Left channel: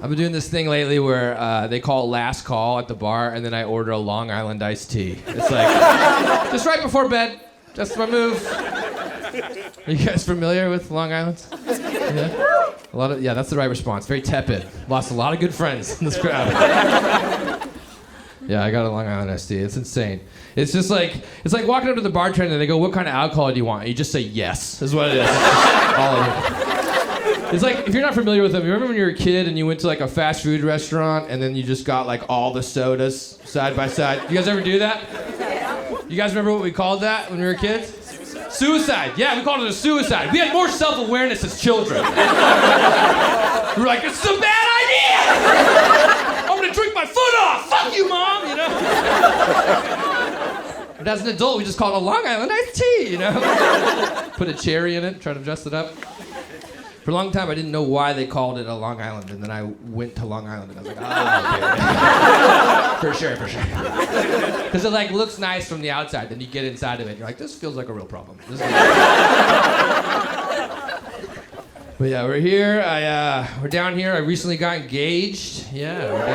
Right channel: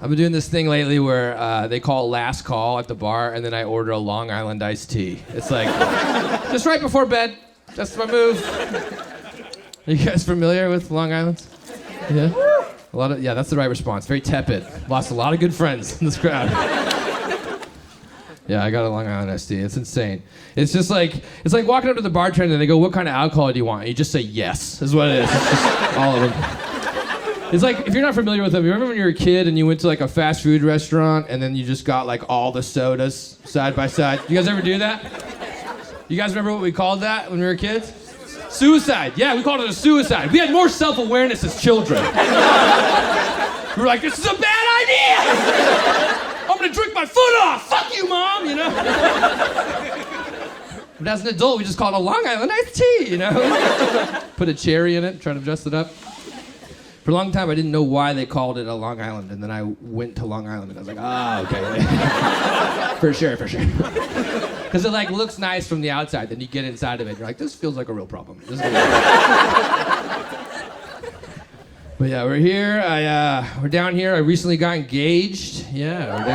I've been doing this thing lately where they call it last call at the bar, and then I order a Long Island iced tea. It's like, just right before bed. That's my move. Are you guys familiar with Long Island? Yeah? Yeah, that's the right response. Very tepid. Lost a lot of good friends in this crowd. Yeah, I got a Long Island iced tea. It's insane. It's just like, it's like walking up to the bartender and they go, what kind of alcohol do you want? And you just say yes, is what it is. It's just all of them. It's like, if you're not familiar with them, you remember when you were a kid and you went to like a fast food restaurant and then you just got like all the sodas side by side? You guys ever do that? You guys remember what we called that when we were kids? Suicide. Yeah, we called it a suicide. We had more self-awareness as children. We were like, this is a bad idea! I'm gonna drink my foot off! Fuck you, Mom! You know? But as an adult, we just called it a Long Island iced tea, you know? Put a cherry in it, try to dress it up. For a long time, I didn't know why they called it a Long Island, and then I went to Long Island, and I was like, okay. For sure. Because it like looks nice from the outside, then you get inside of it, and you're like, this feels like a real problem. But yeah, we're here. We're down here. I recently got engaged. Yeah, we're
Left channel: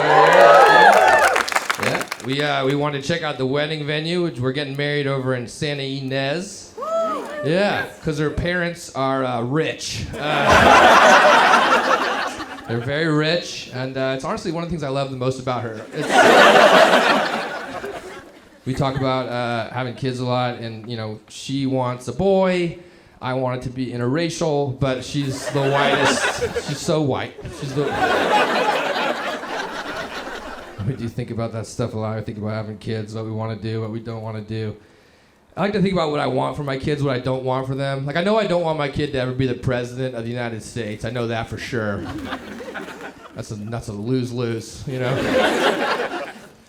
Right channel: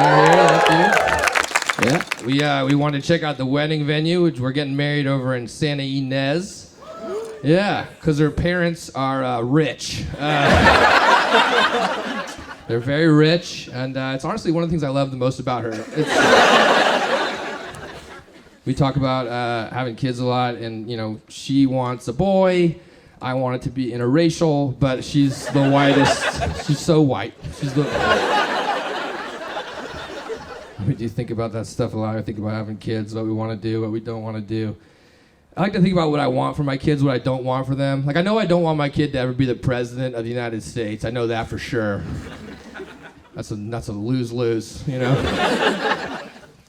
down here. Yeah, we wanted to check out the wedding venue, which we're getting married over in Santa Ynez. Yeah, because her parents are rich. They're very rich, and it's honestly one of the things I love the most about her. We talk about having kids a lot, and you know, she wants a boy. I want it to be interracial, but she's the whitest. She's so white. We do think about that stuff a lot. I think about having kids, what we want to do, what we don't want to do. I like to think about what I want for my kids, what I don't want for them. Like, I know I don't want my kid to ever be the president of the United States. I know that for sure. That's a lose-lose, you know?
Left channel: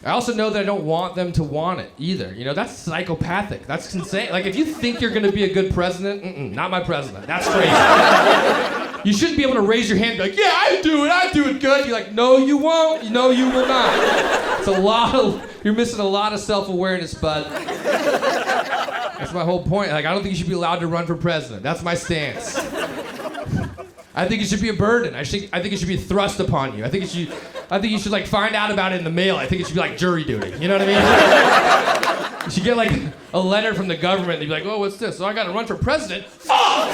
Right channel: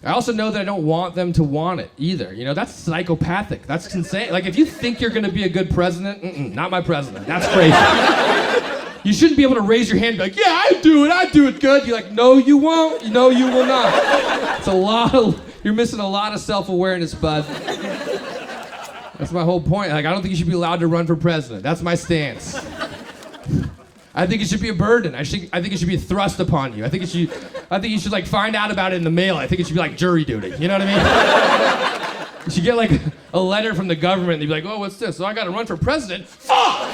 I also know that I don't want them to want it either. You know, that's psychopathic. That's insane. Like, if you think you're gonna be a good president, not my president. That's crazy. You shouldn't be able to raise your hand and be like, yeah, I do it good. You're like, no, you won't. No, you will not. You're missing a lot of self-awareness, bud. That's my whole point. Like, I don't think you should be allowed to run for president. That's my stance. I think it should be a burden. I think it should be thrust upon you. I think you should like find out about it in the mail. I think it should be like jury duty. You know what I mean? You should get like a letter from the government and you'd be like, oh, what's this? So I gotta run for president? Fuck!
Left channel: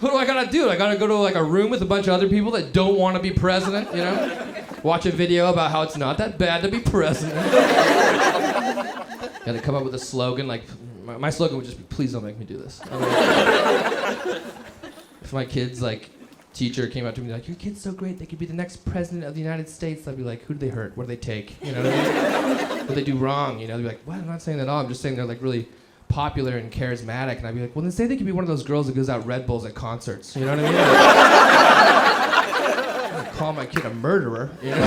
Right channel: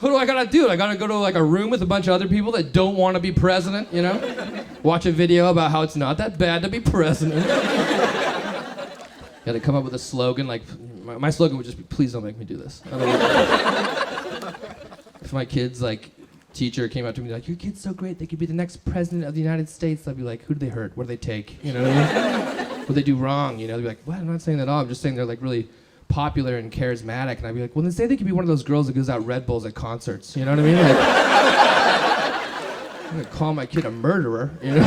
What do I gotta do? I gotta go to like a room with a bunch of other people that don't want to be president, you know? Watch a video about how it's not that bad to be president. Gotta come up with a slogan, like, my slogan would just be, please don't make me do this. If my kid's, like, teacher came up to me like, your kid's so great, they could be the next president of the United States, I'd be like, who do they hurt? What do they take? You know what I mean? What do they do wrong? You know, they'd be like, what? I'm not saying that at all. I'm just saying they're, like, really popular and charismatic. And I'd be like, well, then say they could be one of those girls that gives out Red Bulls at concerts. You know what I mean? Like, I'm gonna call my kid a murderer, you know?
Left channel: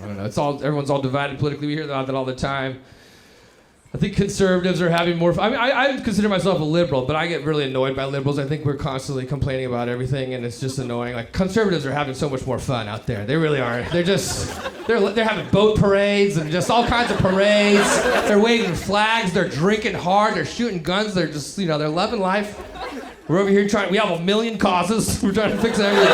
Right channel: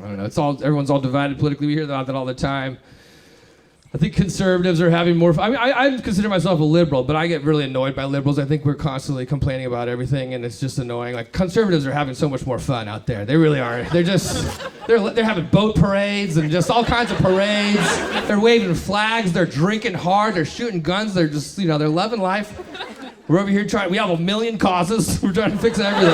I don't know. Everyone's all divided politically. We hear that all the time. I think conservatives are having more fun. I mean, I consider myself a liberal, but I get really annoyed by liberals. I think we're constantly complaining about everything, and it's just annoying. Like, conservatives are having so much more fun out there. They really are. They're having boat parades and just all kinds of parades. They're waving flags. They're drinking hard. They're shooting guns. They're just, you know, they're loving life. We're over here we have a million causes. We're trying to fix everything.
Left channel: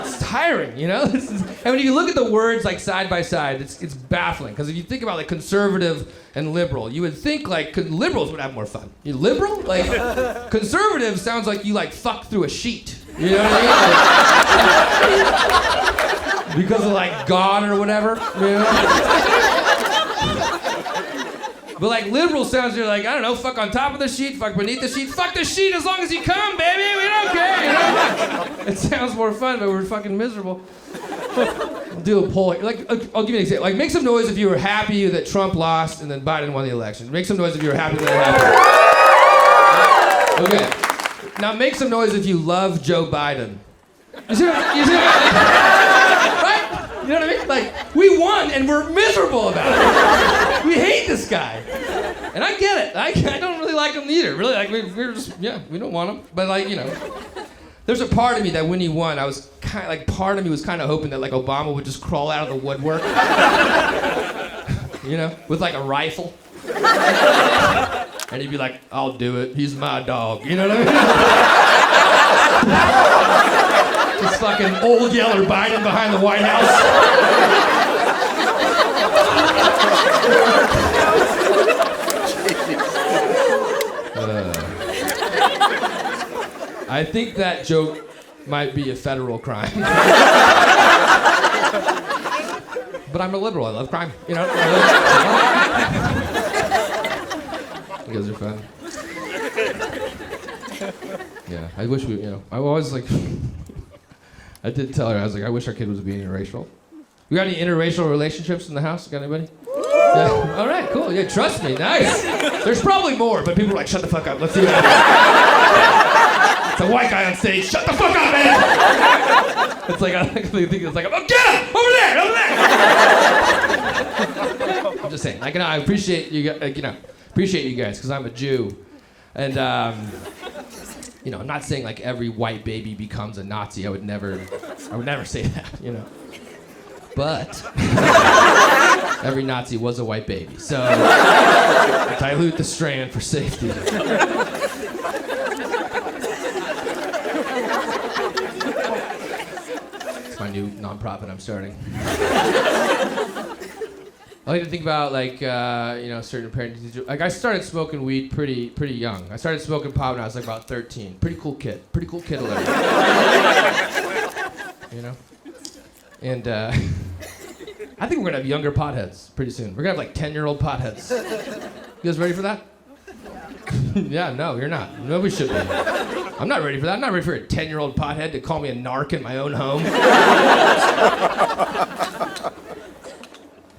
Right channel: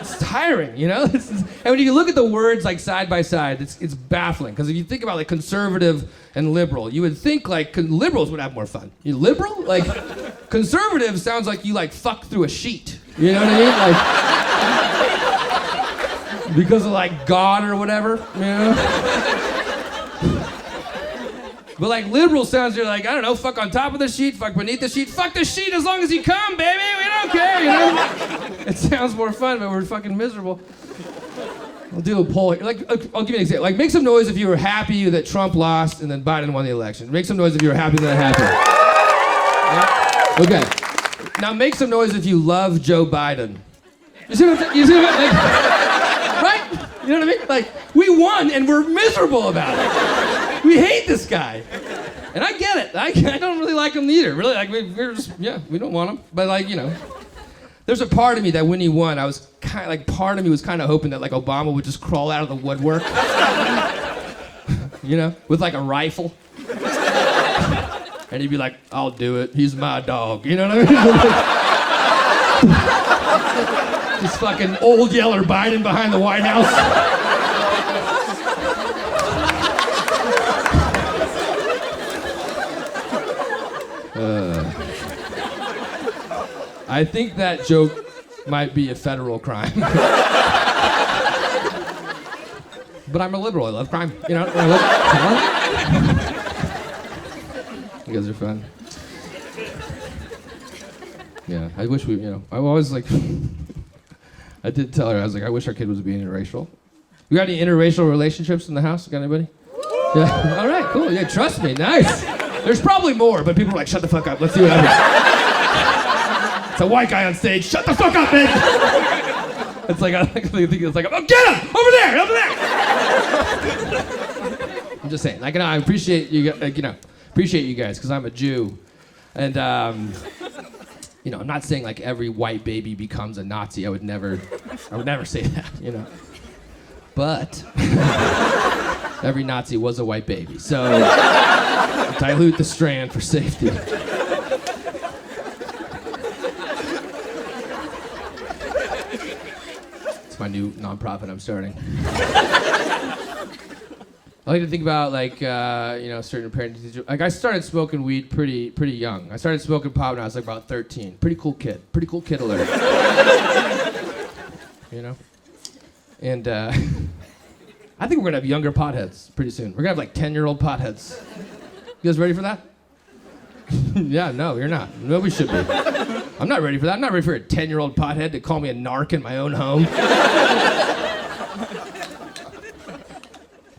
It's tiring, you know? And when you look at the words like side by side, it's baffling. Because if you think about like conservative and liberal, you would think like liberals would have more fun. You liberal? Like conservative sounds like you like fuck through a sheet. You know what I mean? Like, because of like God or whatever, you know? But like liberal sounds, you're like, I don't know, fuck on top of the sheet, fuck beneath the sheet, fuck the sheet as long as you come, baby, we don't care, you know? It sounds more fun, but we're fucking miserable. I'll do a poll here. Like, I'll give you an example. Like, make some noise if you were happy that Trump lost and then Biden won the election. Make some noise if you were happy that happened. Okay. Now make some noise if you love Joe Biden. You see what I'm saying? Like, right? You know what I mean? Like, we won and we're miserable about it. We hate this guy. And I get it. I don't really like him either. Really, like, we're just, yeah, we don't want him. But, like, you know, there's a part of me that when he won, I was kind of, like, part of me was kind of hoping that, like, Obama would just crawl out of the woodwork. You know, with, like, a rifle. And he'd be like, I'll do it. He's my dog. You know what I mean? fucking old Yeller Biden behind the White House. I think that joke might be a federal crime. But I'm a liberal. I love crime. You know? You guys are fun. Yeah, I wish I always like, I did tell her, I was like, I wish our kid was being interracial. We got any interracial relationships in the house? Got anybody? Yeah. All right, cool. Yeah, trust me. Nice. There's probably more, but people are like, shut the fuck up. Let's see what happens. It's a white guy on stage. Shut the fuck up, man. It's like, I think it's like, oh, get him! Over there! I'm just saying. I appreciate you, appreciate you guys, because I'm a Jew. And, I'm not saying like every white baby becomes a Nazi. I would never say that, But every Nazi was a white baby. So dilute the strand for safety. It's my new nonprofit I'm starting. I like to think about certain parents. Like I started smoking weed pretty young. I started smoking pot when I was like about 13. Pretty cool kid alert. And I think we're gonna have younger potheads pretty soon. We're gonna have like 10-year-old potheads. You guys ready for that? Yeah, no, you're not. Nobody should be. I'm not ready for that. I'm not ready for a 10-year-old pothead to call me a narc in my own home.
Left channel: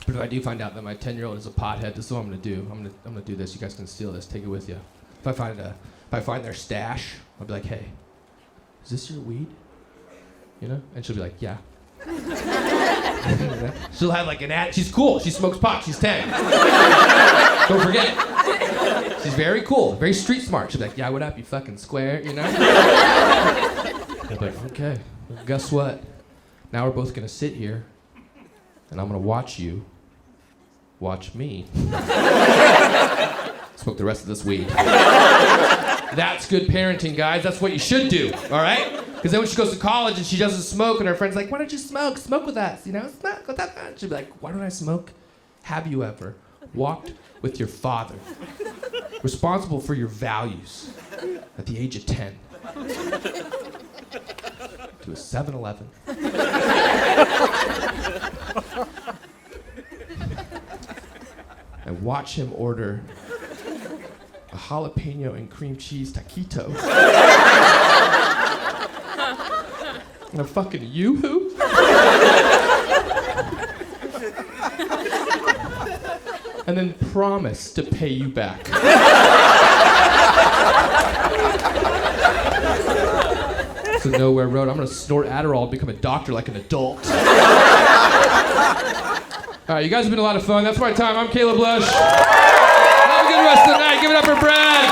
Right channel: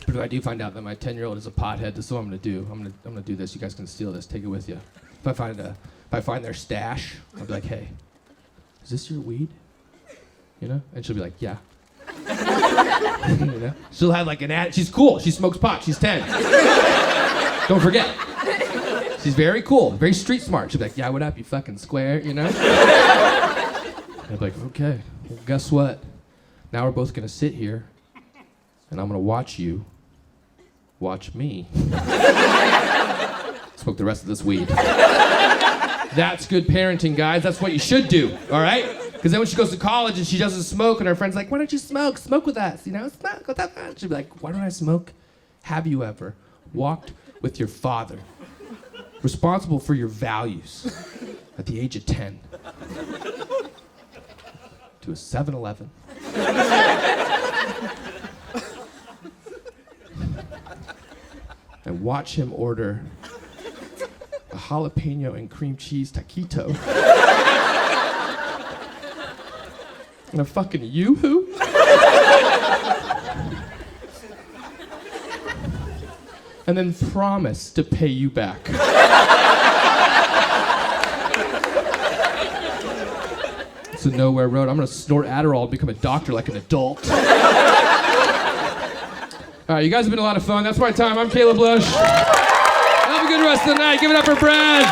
But if I do find out that my 10-year-old is a pothead, this is what I'm gonna do. I'm gonna do this. You guys can steal this. Take it with you. If I find their stash, I'll be like, hey, is this your weed? And she'll be like, yeah. She'll have like an ad. She's cool. She smokes pot. She's 10. Don't forget. She's very cool. Very street smart. She'll be like, yeah, what up, you fucking square, I'll be like, okay. Well, guess what? Now we're both gonna sit here, and I'm gonna watch you watch me smoke the rest of this weed. That's good parenting, guys. That's what you should do, all right? Because then when she goes to college and she doesn't smoke and her friend's like, why don't you smoke? Smoke with us, Smoke with us. She'll be like, why don't I smoke? Have you ever walked with your father, responsible for your values, at the age of 10, to a 7-Eleven? And watch him order a jalapeno and cream cheese taquito. And a fucking yoo-hoo? And then promise to pay you back. It's a nowhere road. I'm gonna snort Adderall and become a doctor like an adult. All right, you guys have been a lot of fun. That's my time. I'm Caleb Lush. Have a good rest of the night. Give it up for Brad.